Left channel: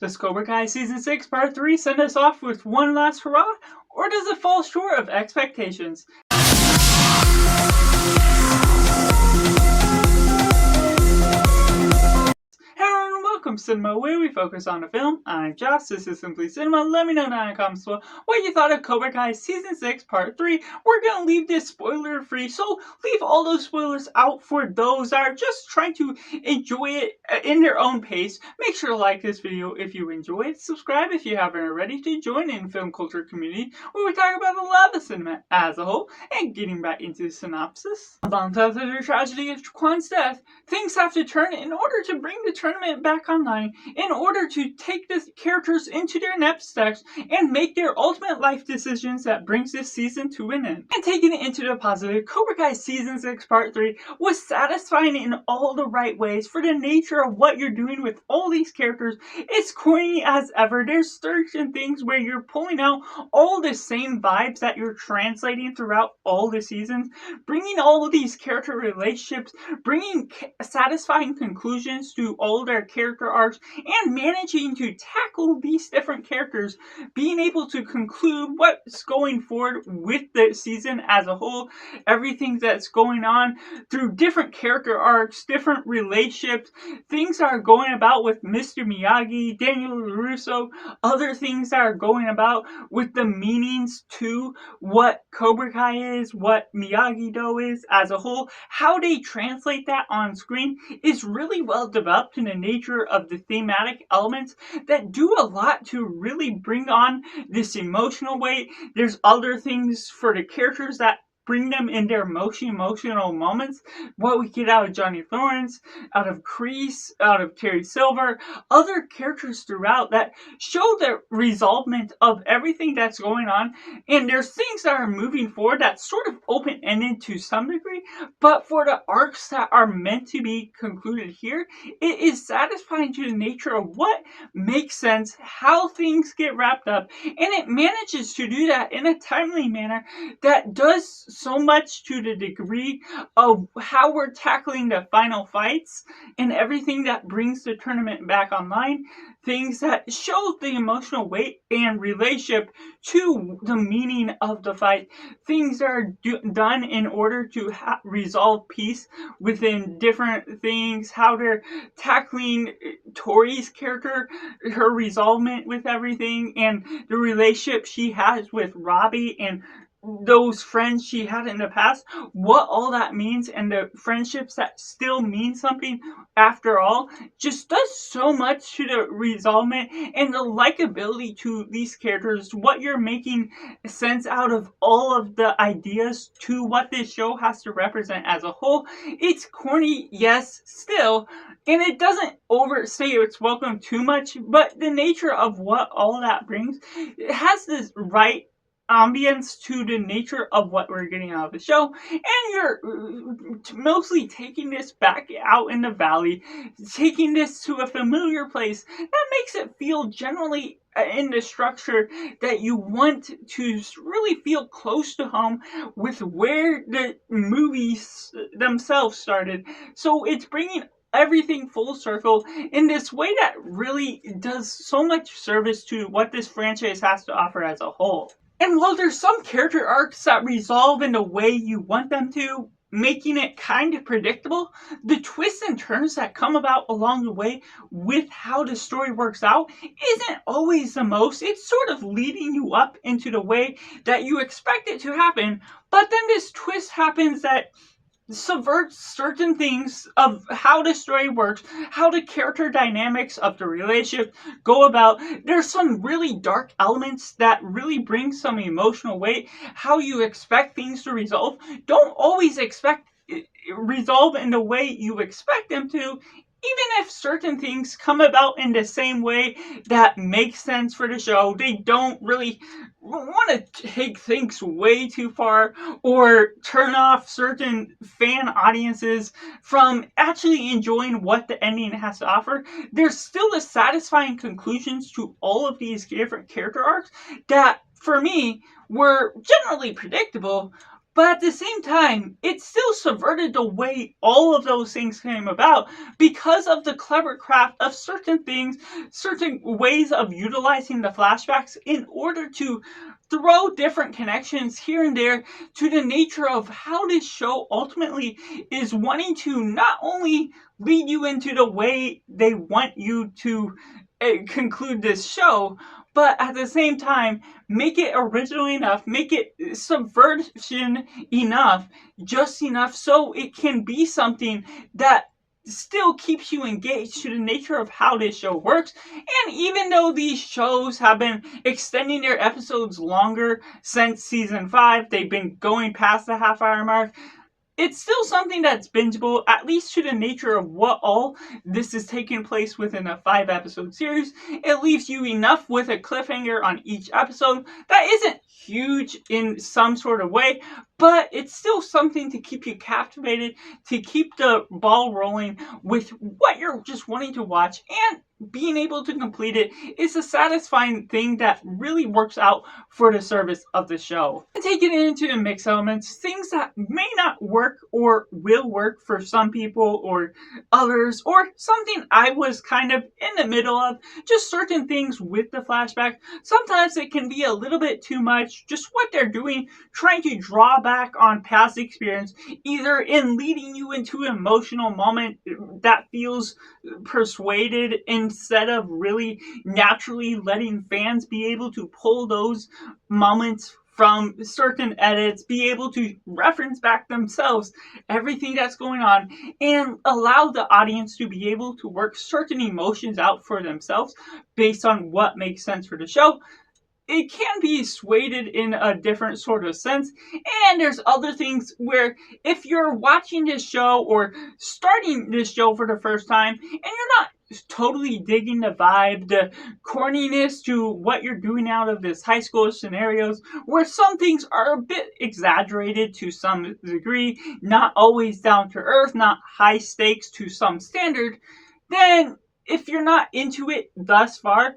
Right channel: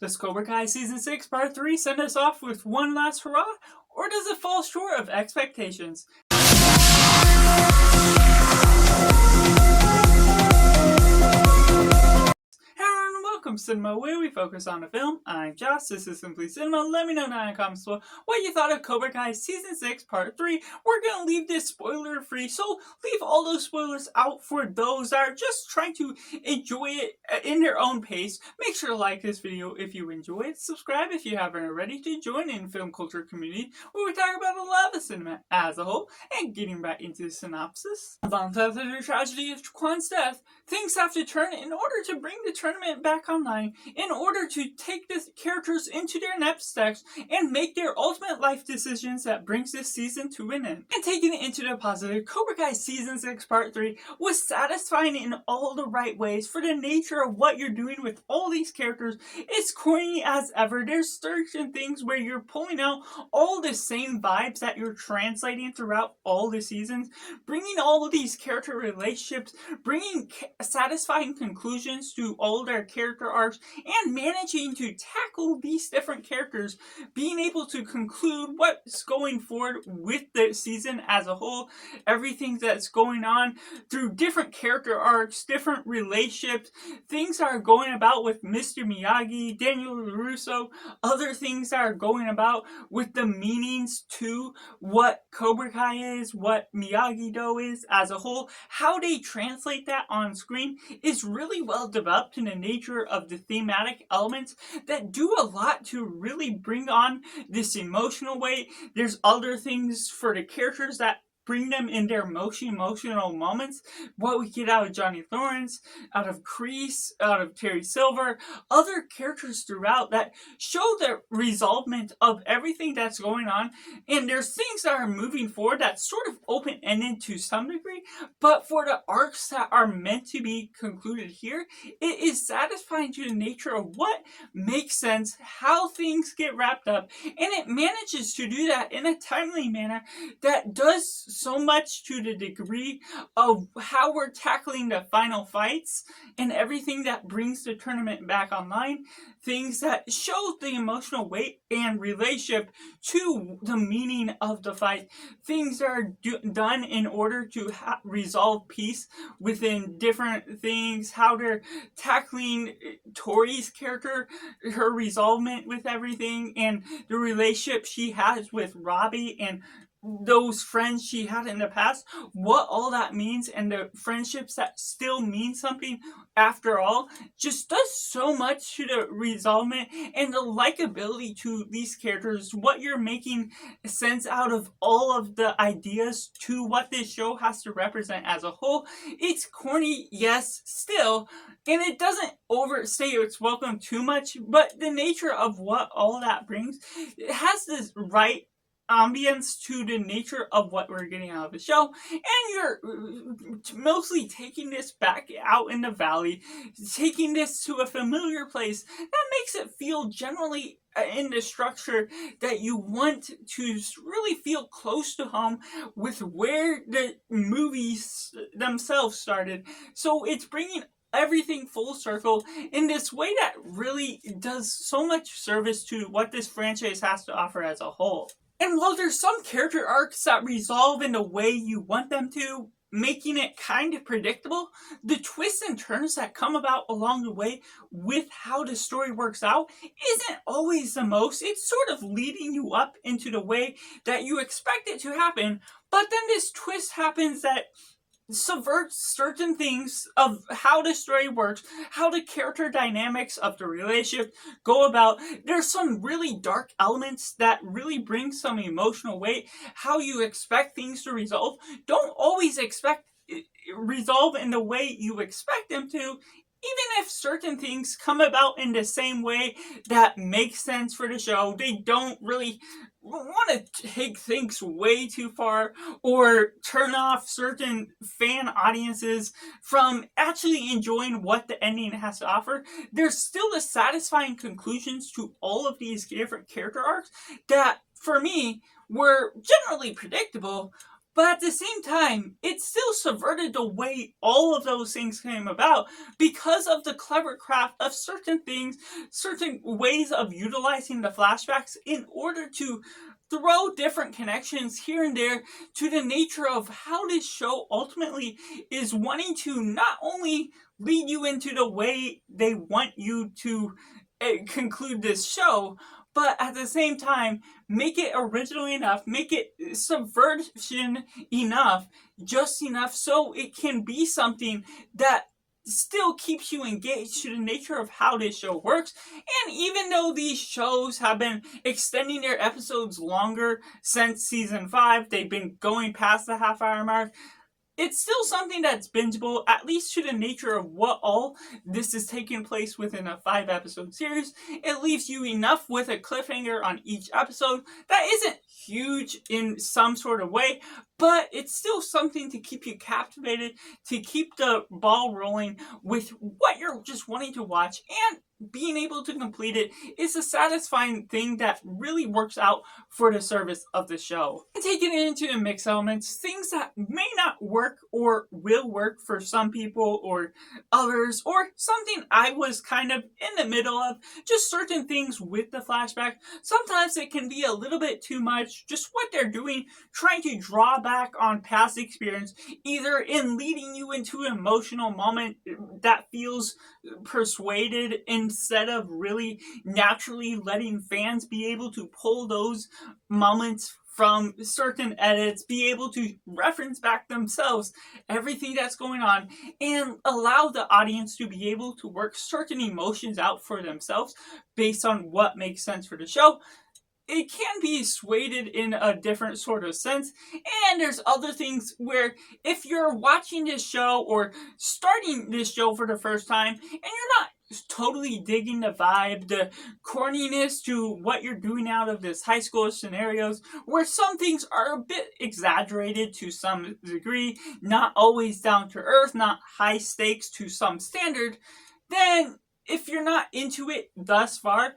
Does Cobra Kai Season 6 Part 3 send us off with one last hurrah, or does it fall short of expectations? Hello and welcome to Cinema, where we focus on the film. I'm Josh, this is Simply Cinema. Let me know down in the comments below what you thought of Cobra Kai Season 6 Part 3. We're going to leave this spoiler free, so leave all those spoilers out for those that are just trying to enjoy it in their own pace. Make sure to like this video if you enjoy it. Subscribe if you haven't already to join in the film culture community where we talk about a lot of cinema as a whole. And getting back into the synopsis. After the tragedy of Kwan's death, things have to turn in order to bring the tournament back online, in order to take the characters into their next steps and make their ultimate life decisions that brings this season to an end. And taking it into the positive, Cobra Kai Season 6 Part 3 was satisfying in all the right ways for the nature of what you're doing with all these characters. It's corny as ever. There's certain things where you're pulling out all the same vibes that you're translating throughout all the seasons, bringing all of these character relationships, bringing satisfying conclusions to all their character arcs, and managing to tackle these different characters, being able to conclude what's going forward with the season as a whole, everything that's going on through different character arcs, different relationships, things that are going about with Mr. Miyagi, Daniel LaRusso, other things that are going about with the meanings to what Cobra Kai is, what Miyagi-Do is as a whole, how they translate that on screen is really well developed in the nature of the thematic elements that do a lot to really bring on this emotional weight. There's other things for the characters that bring them in their emotional moments. What we get out of Johnny Lawrence, out of Kreese, out of Terry Silver, other characters throughout that show the resolvement of everything that's going on. And there's things that are moving forward that's sort of open-ended to some degree, but for the arcs that are meant to be concluded here, it is satisfying to the nature of what makes sense, how things get wrapped up, and it manages to do that in a timely manner that does so much to the degree of how we're tackling the final fights and everything that brings the tournament back online, things that show the emotional weight and relationship to the meaning of the fight, things that are done in order to resolve peace within different things, how they're tackling Tori's character, her resolvement with everything, and the relationship she has with Robbie and those friends she had in the past, what all that means, and the friendships that still mean something after all, just does so much to the resolvement and the likability to these characters, what you're making sense out of all of the ideas to what this show has to represent as a whole. It's corny, yes, still, and it doesn't overstay its welcome too much, but the nature of what all that brings, it has this right ambience to the nature of what we're getting out of the show, and you're mostly taking this back out in the valley, taking this to a familiar place that makes it feel generally in the structure that you want to really feel close to home with where the movies themselves started. So it's bringing everything full circle in this way that really does so much service to what this franchise has to offer as a whole. And while there's some character arcs that resolve in the way you want them to, making it kind of predictable, the twists and turns that come about along the way with how the story works out isn't always the most. It's sort of leading you up into the way that you expect it to happen, but then this twist happens that subverts certain things of how the story works, how the character dynamics of the relationship go about. There's some really dark elements that really bring some emotional weight. How you expect things to resolve don't always resolve in the way you expect them to, even if certain things come about in the same way that makes sense for the show. They don't really want to take things way too far or turn off certain fan audiences from actually enjoying what the ending has to offer. There's still the satisfying conclusions to all of these different character arcs that, for me, were generally predictable, But at the same time, it still subverted the way all of those things came about because of the clever craft of certain things, certain ways of utilizing the flashbacks in order to throw different connections here and there to the nature of how this show ultimately is wanting to not only lead you into the way they want you to conclude this show, but at the same time, make it original enough, make it subversion enough, just enough so it can be something that still keeps you engaged to the nature of how this show works. And even though these shows have been extending their episodes longer since season 5, they've been going past the half-hour mark, it's still something that's bingeable, at least to the nature of what all this is taking place within a 5-episode series. It leaves you enough with a cliffhanger on each episode that isn't huge in some sort of way, but it's still something to keep you captivated, to keep the ball rolling with what you're just wanting to watch, and being able to complete it is a satisfying thing that really works out for the service of the show. And taking it into the mix elements, things that may not work or will work for some people or others, or something I was kind of in the middle of, just certain things with the flashback. Sometimes it can be a little bit too much, just what they're doing, trying to draw back on past experience, either in leading you into an emotional moment that feels persuaded instead of really naturally letting fans be able to pull those moments from certain edits, be able to reference back themselves everything that's going on, and allow the audience to be able to work certain emotions out for themselves based on what makes sense for the show. It can be swayed in a different sort of sense, and there's other things where if you're watching this show or starting this show for the first time and you're not totally digging the vibe, the corniness to what you're doing out of this high school scenarios, where some things are a bit exaggerated to some degree, not always down to earth, not high stakes to some standard, then if you're not into it thus far,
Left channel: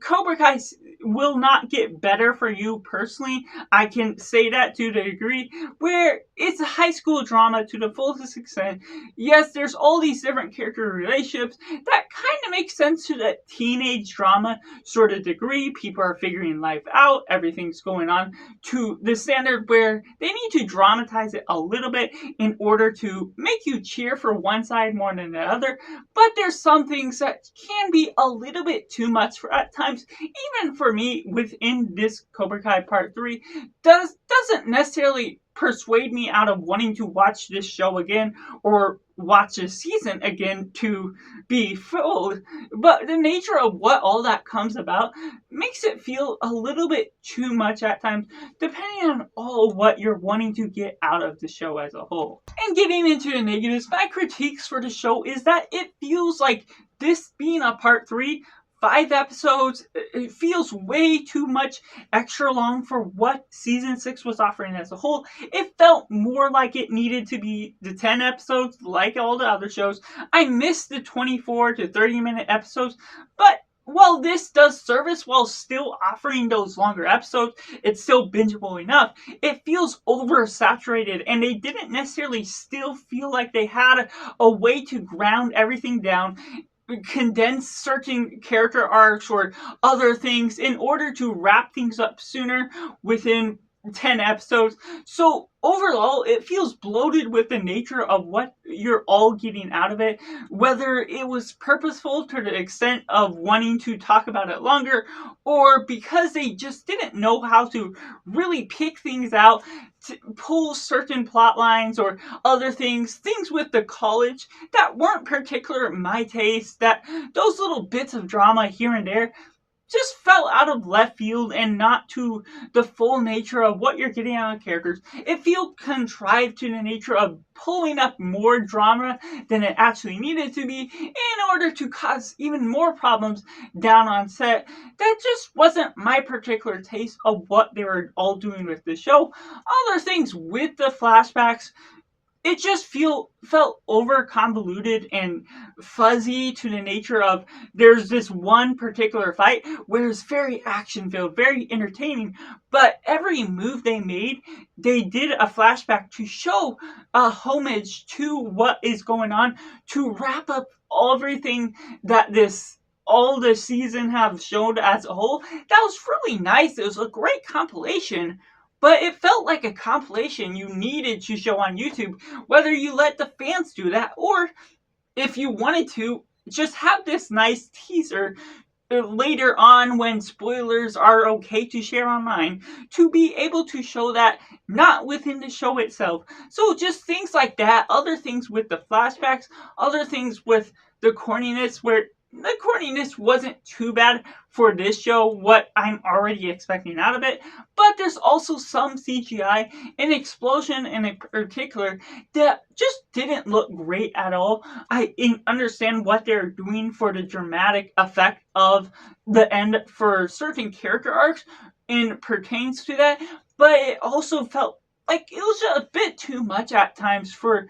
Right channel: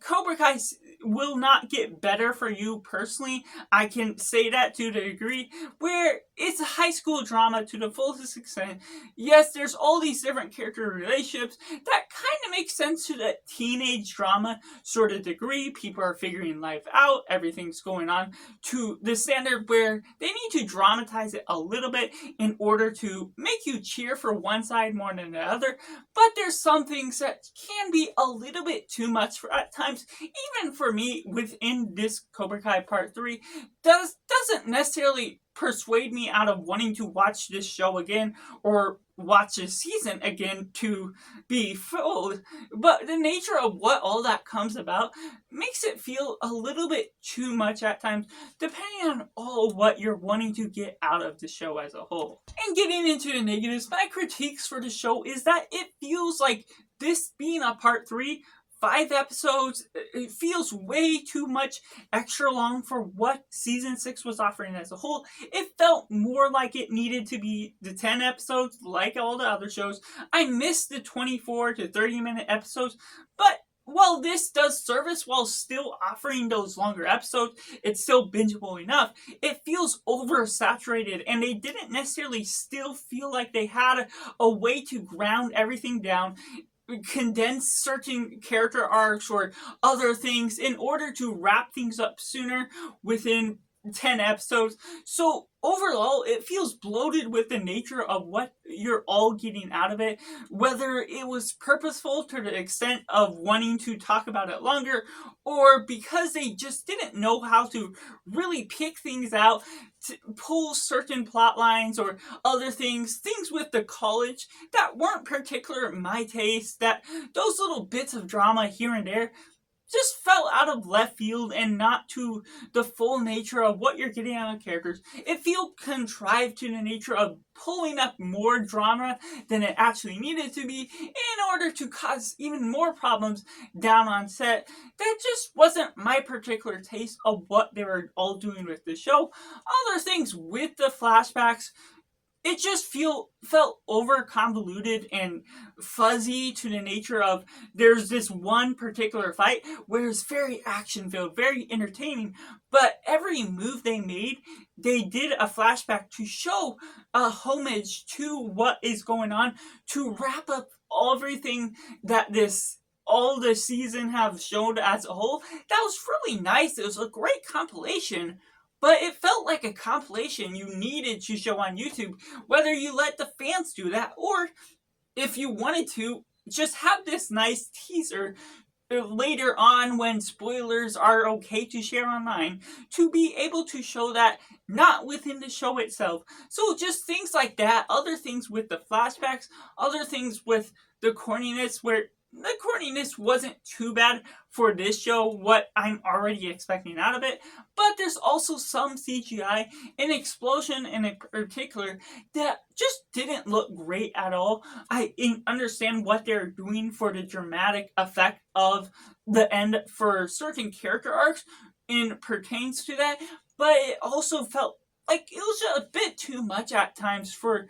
Cobra Kai will not get better for you personally. I can say that to the degree where it's a high school drama to the fullest extent. Yes, there's all these different character relationships that kind of make sense to that teenage drama sort of degree. People are figuring life out, everything's going on to the standard where they need to dramatize it a little bit in order to make you cheer for one side more than the other. But there's some things that can be a little bit too much for at times, even for me within this Cobra Kai Part 3, doesn't necessarily persuade me out of wanting to watch this show again or watch this season again to be fooled. But the nature of what all that comes about makes it feel a little bit too much at times, depending on all what you're wanting to get out of the show as a whole. And getting into the negatives, my critiques for the show is that it feels like this being a Part 3, 5 episodes, it feels way too much extra long for what season 6 was offering as a whole. It felt more like it needed to be the 10 episodes like all the other shows. I missed the 24 to 30-minute episodes, but while this does service while still offering those longer episodes, it's still bingeable enough. It feels oversaturated, and they didn't necessarily still feel like they had a way to ground everything down, condense certain character arcs or other things in order to wrap things up sooner within 10 episodes. So overall, it feels bloated with the nature of what you're all getting out of it, whether it was purposeful to the extent of wanting to talk about it longer, or because they just didn't know how to really pick things out, to pull certain plot lines or other things with the college that weren't particular my taste, that those little bits of drama here and there just fell out of left field and not to the full nature of what you're getting out of characters. It feels contrived to the nature of pulling up more drama than it actually needed to be in order to cause even more problems down on set. That just wasn't my particular taste of what they were all doing with the show. Other things with the flashbacks, it just felt over convoluted and fuzzy to the nature of there's this one particular fight where it's very action filled, very entertaining, but every move they made, they did a flashback to show a homage to what is going on, to wrap up everything that this all the season have shown as a whole. That was really nice. It was a great compilation, but it felt like a compilation you needed to show on YouTube, whether you let the fans do that or if you wanted to just have this nice teaser later on when spoilers are okay to share online, to be able to show that not within the show itself. So just things like that, other things with the flashbacks, other things with the corniness, where the corniness wasn't too bad for this show, what I'm already expecting out of it, but there's also some CGI, an explosion in particular, that just didn't look great at all. I understand what they're doing for the dramatic effect of the end for certain character arcs and pertains to that, but it also felt like it was a bit too much at times for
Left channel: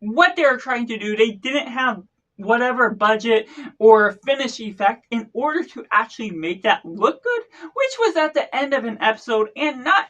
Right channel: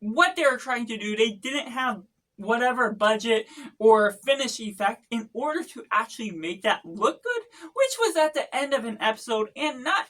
what they were trying to do. They didn't have whatever budget or finish effect in order to actually make that look good, which was at the end of an episode and not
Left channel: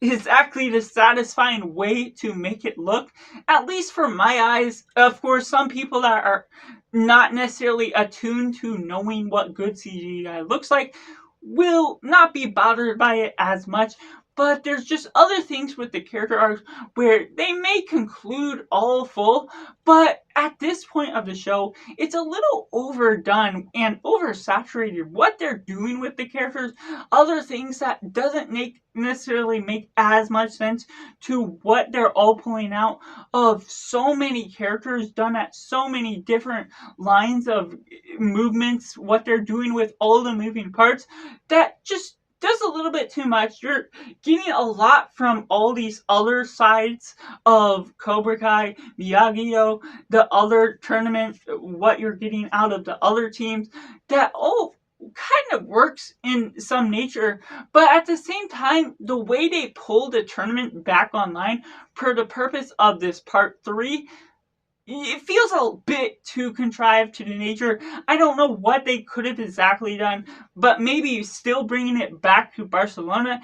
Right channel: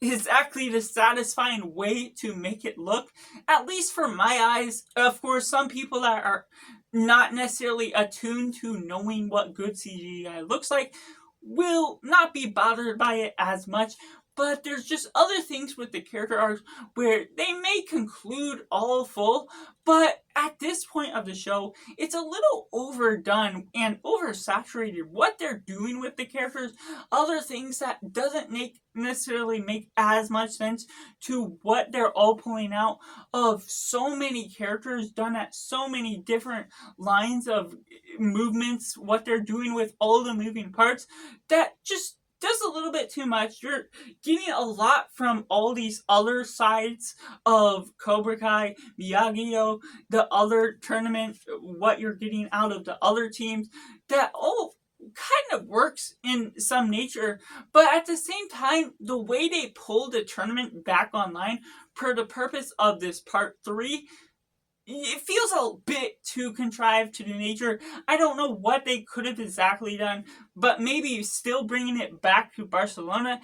exactly the satisfying way to make it look, at least for my eyes. Of course, some people that are not necessarily attuned to knowing what good CGI looks like will not be bothered by it as much, but there's just other things with the character arcs where they may conclude all full, but at this point of the show, it's a little overdone and oversaturated what they're doing with the characters, other things that doesn't necessarily make as much sense to what they're all pulling out of so many characters done at so many different lines of movements, what they're doing with all the moving parts, that just does a little bit too much. You're getting a lot from all these other sides of Cobra Kai, Miyagi-Do, the other tournament, what you're getting out of the other teams, that all kind of works in some nature, but at the same time, the way they pull the tournament back online for the purpose of this part 3, it feels a bit too contrived to the nature. I don't know what they could have exactly done, but maybe still bringing it back to Barcelona,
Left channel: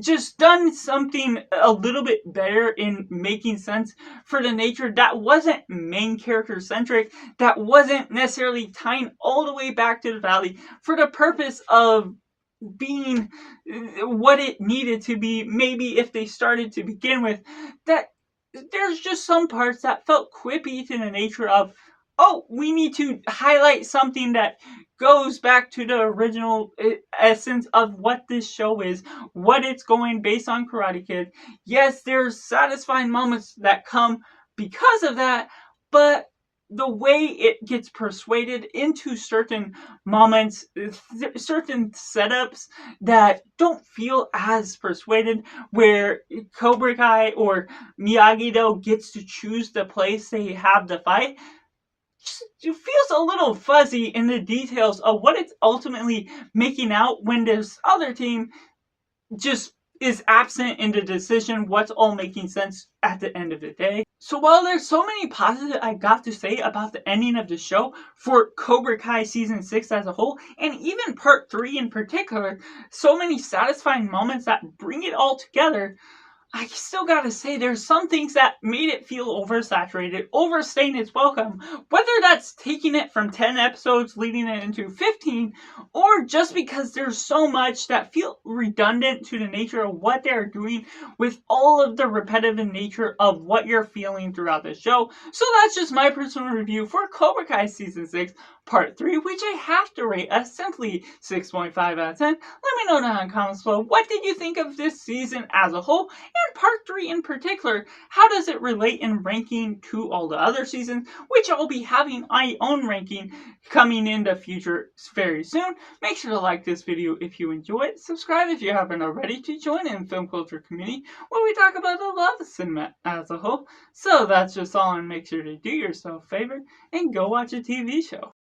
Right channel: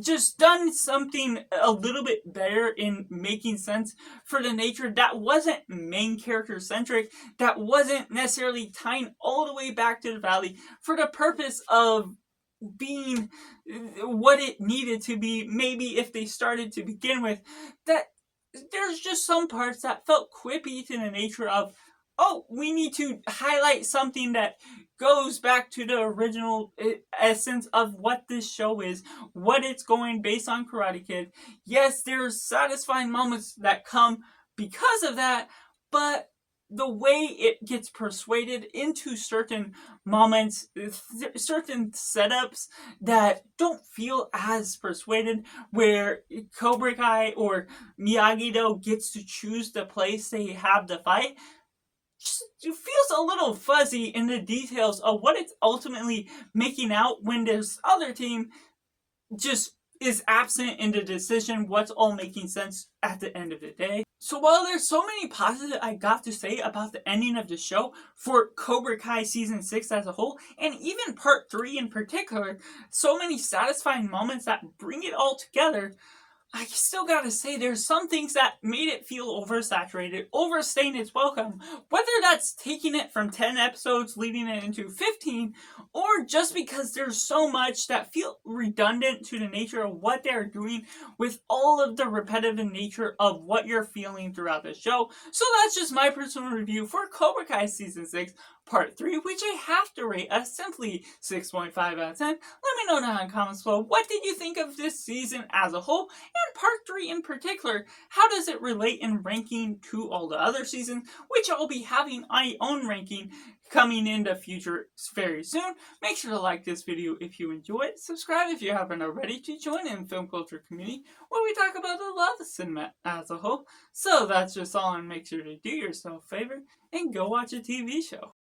just done something a little bit better in making sense for the nature that wasn't main character centric, that wasn't necessarily tying all the way back to the valley for the purpose of being what it needed to be. Maybe if they started to begin with, that there's just some parts that felt quippy to the nature of, oh, we need to highlight something that goes back to the original essence of what this show is, what it's going based on Karate Kid. Yes, there's satisfying moments that come because of that, but the way it gets persuaded into certain moments, certain setups that don't feel as persuaded, where Cobra Kai or Miyagi-Do gets to choose the place they have the fight, it feels a little fuzzy in the details of what it's ultimately making out when this other team just is absent in the decision what's all making sense at the end of the day. So while there's so many positives I got to say about the ending of the show for Cobra Kai Season 6 as a whole, and even Part 3 in particular, so many satisfying moments that bring it all together, I still gotta say there's some things that made it feel oversaturated, overstaying its welcome, whether that's taking it from 10 episodes leading it into 15, or just because there's so much that feel redundant to the nature of what they're doing with all of the repetitive nature of what you're feeling throughout the show. So that's just my personal review for Cobra Kai Season 6 Part 3, which I have to rate a simply 6.5 out of 10. Let me know down in the comments below, what did you think of this season as a whole, and Part 3 in particular? How does it relate in ranking to all the other seasons, which I'll be having my own ranking coming in the future very soon. Make sure to like this video if you enjoy it, subscribe if you haven't already to join in the film culture community where we talk about the love of cinema as a whole. So that's just all, and make sure to do yourself a favor and go watch a TV show.